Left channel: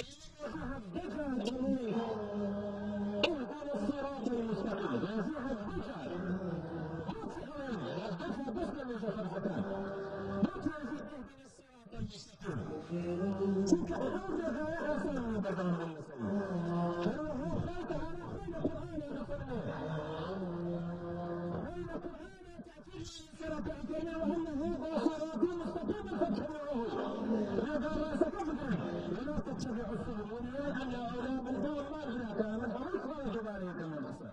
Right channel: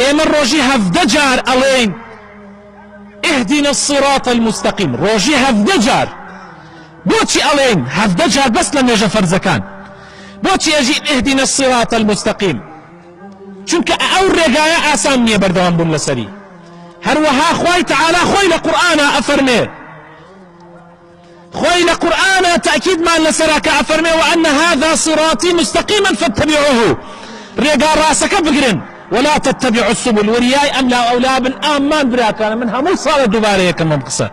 ئێمە ڕۆژی 17 جار ئەڵێین اهدنا الصراط المستقيم، ڕۆژی 17 جار. بۆچی ئەڵێین 17 جار بەس لە نوێژە فەرزەکان؟ بۆچی ئەژین اهدنا الصراط المستقيم؟ چونکە ئەو ڕێگایە ئاسان نییە بەردەوام بوون لەسەری. هەروەها خوای تەعالا خۆی لە قورئانە ئەفەرمێ، خۆی لە قورئانە تەئکیدمان لەسەرا کە ئەفەرمێ وأن هذا صراطي مستقيما فاتبعوه، ڕێگا ڕاستەکە بگرن ولا تتبعوا السبل. وریای ئەم لا ئەولا بن. ئامان براکانە، من هەموو ساڵە دووبارەیەکەم ئەم قسە،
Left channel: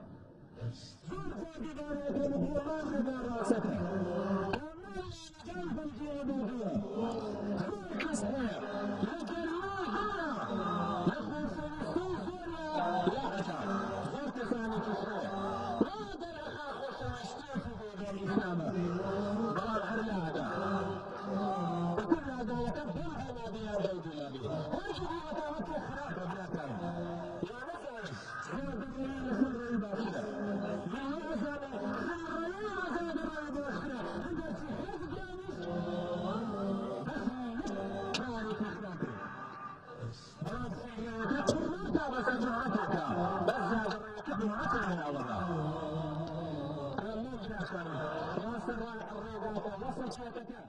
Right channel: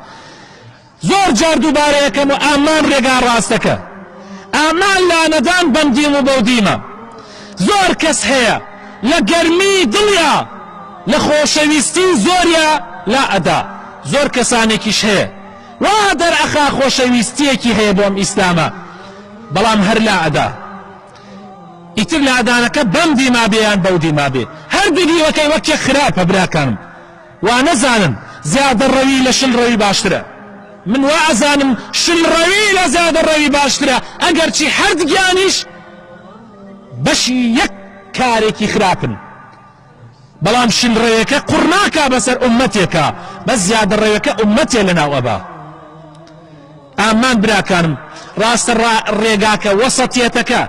زۆر جار دووبارەیەکەم و ئامان ڕێگا ڕاستەکە. ئامان لانەدان بەندیم و بەودیمە. زۆر کەس هەیە لە گەرمی دڵیا لە خۆشەویستی زۆریە لا ئەدا، زۆر کەسانێکیش هەیە وا دەرئەخا خۆشەویستیەکی هەیە بۆم ئیسلامە، بەڵام هەر لا ئەدا. ئیتر لە ئەدانەکە بەندی مابێیان بەودی مابێ، هەردوو دیوەکەی وەکێ خراپە براکانم. وا نەزانم زیادە ڕەوی لە شل ڕەوی باشترە، من وا ئەزانم شل ڕەوی لە زیادە ڕەوی باشترە، ئەگەرچی هەردگیانیش بەشی یەک کارێکی خراپن، بەڵام شل ڕێوەکە قوڕناکە بەسەر ئومەتێکە، بەس زیادە ڕێوەکە ئومەتێ لەناو ئەبا. ئامان براکانم ڕاستە ڕێگاکە وەسەتیەتەکە،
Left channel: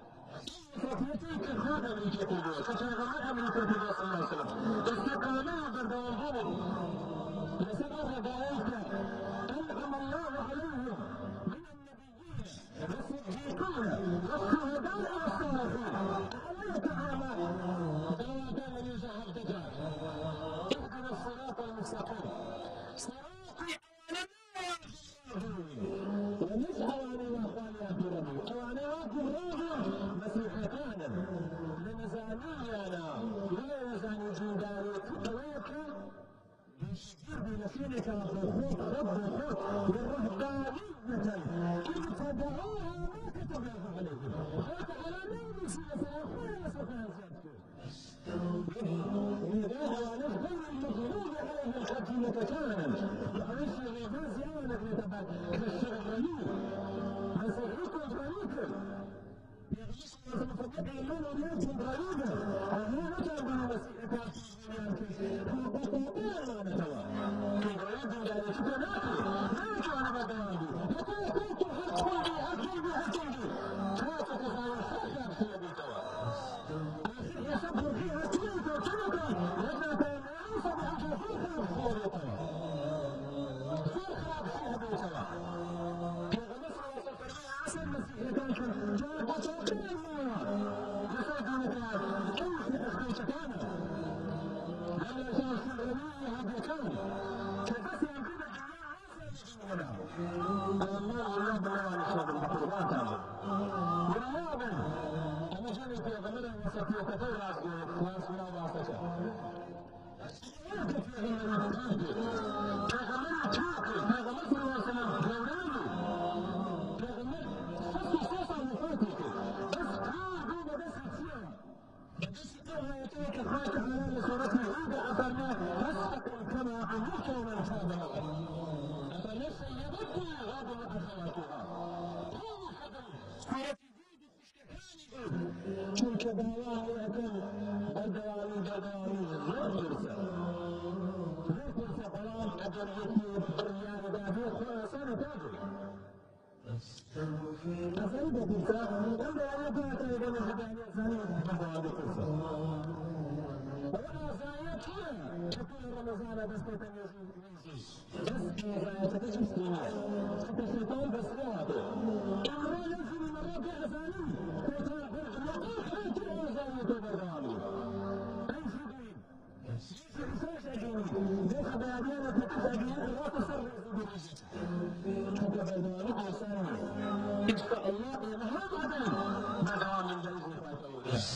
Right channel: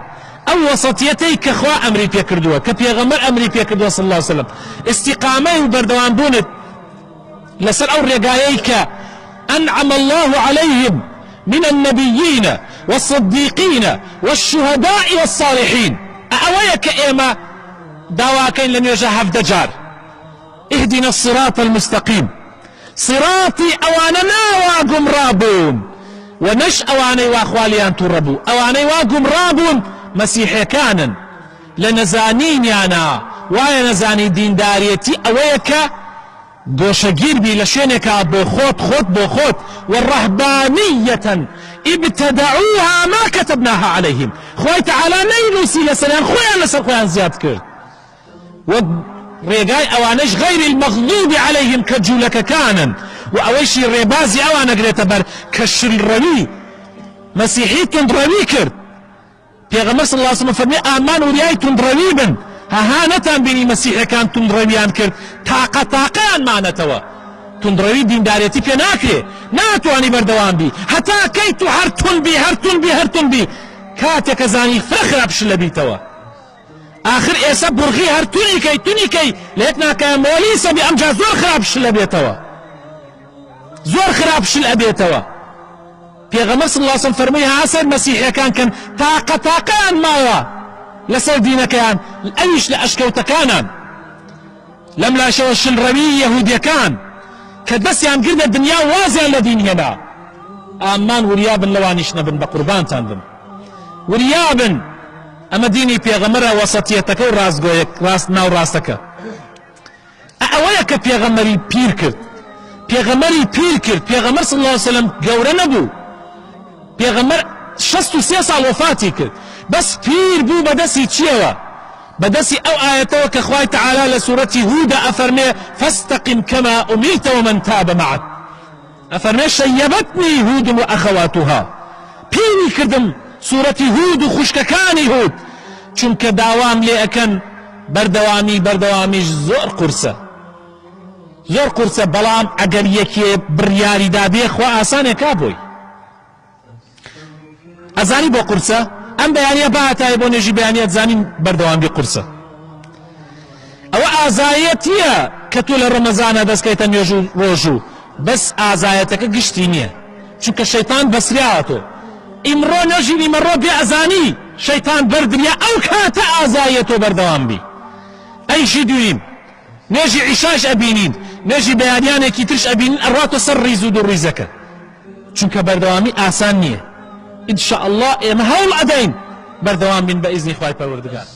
ئەو وەسەتیەتەی کە خوا ئەمری پێ کردووە، کە پێغەمبەر ئەمری پێ کردووە صلی الله عليه وسلم، استیقامەی و بەردەوام بوونت لەسەر ئەو ڕێگایەی کە أنعم الله عليهم من النبيين والصديقين والشهداء والصالحين. أويك إيما دواكين لن يجا 17 جار اهدنا الصراط المستقيم، صراطي أواننا واقم رابون ونش أواني واخواليان تربو، أواني واقم رابون مسيحي كانن لنزانين يانا وايا نزاني دين داريتي أويك گۆشەگیر بی لە شوێنێکا بۆ خۆت بۆ خۆت. والرهبانية ابتدعوها ما كتبناها عليهم، خوای تەعالا نەینووسی لەسەریان، خۆیان لەسەر خۆیان زیاد کرد. وەک ڕێگای ئەوانەش غەیری المەغضوب عليهم کە جوولەکەکانن، و ئەوەیشی ڕێبازی ئەوان ئەگرێتە بەر کە شلڕەوی مەسیحی توندڕەوی کرد. پێغەمبەر صلی الله عليه وسلم فەرمێ ئامان وریای توندڕەوی بن، هەها نەتان بینی مەسیحەکان توندڕەویان کرد، تاقەتاقەیان مانەتەوە. توندڕەوی دیندارێتی پێ ناکرێ، ناتوانی بەردەوام بی، هەتا کەی تو هەر تون بی کاتێکە زانی فرە خراپش لە بیتەوە. آخر ئێستا بورغی هەر تونی کەی لە یەک ناکایە مۆلیسە بی ئەمجا زۆر خراپش لە بێتەوە، زۆر خراپش لە بێتەوە. پێغەمبەر صلی الله عليه وسلم فەرمووی هاسەر مەسیحەکان کەن تاقەتاقەیان ماوە لەسەر دینەکەیان، ئەویش لە ئەشکەوتەکانان. لەم لاشەوە شلڕەوی یەهودیەکان کە دەستیان گردە دنیا وازیان لە دین هێنا، ئامان وریابن لەوانیش نەبن، بە قوربانتان بن وریابن. ئەمە دینی پێغەمبەرە، وەسەتیەتەکە و ڕاستگۆیەک، ڕاست ناو ڕاستەکە. ئەوەیە کە پێغەمبەری پیر کرد، پێغەمبەر صلی الله عليه وسلم گەورە نەبوو، پێغەمبەر 63 ساڵ وەفاتی کرد، بەس پیر بوو بەدەستی چیەوە؟ بەدەستی ئەو ئاەتەوە کە خوای تەعالا لە سوورەتی هوودە ئەفەرمێ فاستقم كما أمرت ومن تاب معك، ئەفەرمێ شەیەبەتنی هود وأخواتها، پیری کردم سوورەتی هود و خوشکەکانی هود، چونکە داوام لێ ئەکەن بەردەوامیش زۆر قورسە، بەڵام ئەگەر یەکێ بڕیاری دابێ خوا ئاسانێکا بۆی. ئەزانی بۆ قورسە؟ ئەم بەیانیە بەهاتایە بۆ نێژی بەیانیە زانین بەردەوامی قورسە. ئەوە ئازایەتیە کە تۆ لە ڕەمەزانە دەستکەیتە نوێژ و ڕۆژ و بەس ئازایەتەکە گشتی نییە، چونکە شەیتان بەسریاوە تۆ. ئیمڕۆ نێژی ئیمەڕۆ بێ ئەزانی شەیتان بەردنیا ئەو کاتە ئازایە تۆ بەردەوام بی. ئەیشی دویم نێژی عیشاش ئەبینین، نێژی بەیانیانێکی ترش ئەبینین، ئەڕاتۆ سەر ڕیز و دووڕیزەکە، چونکە بەردەوامی ئاسان نییە. إن شاء الله إما هول أدين بردوام من بإذن إخوائي پروردگار.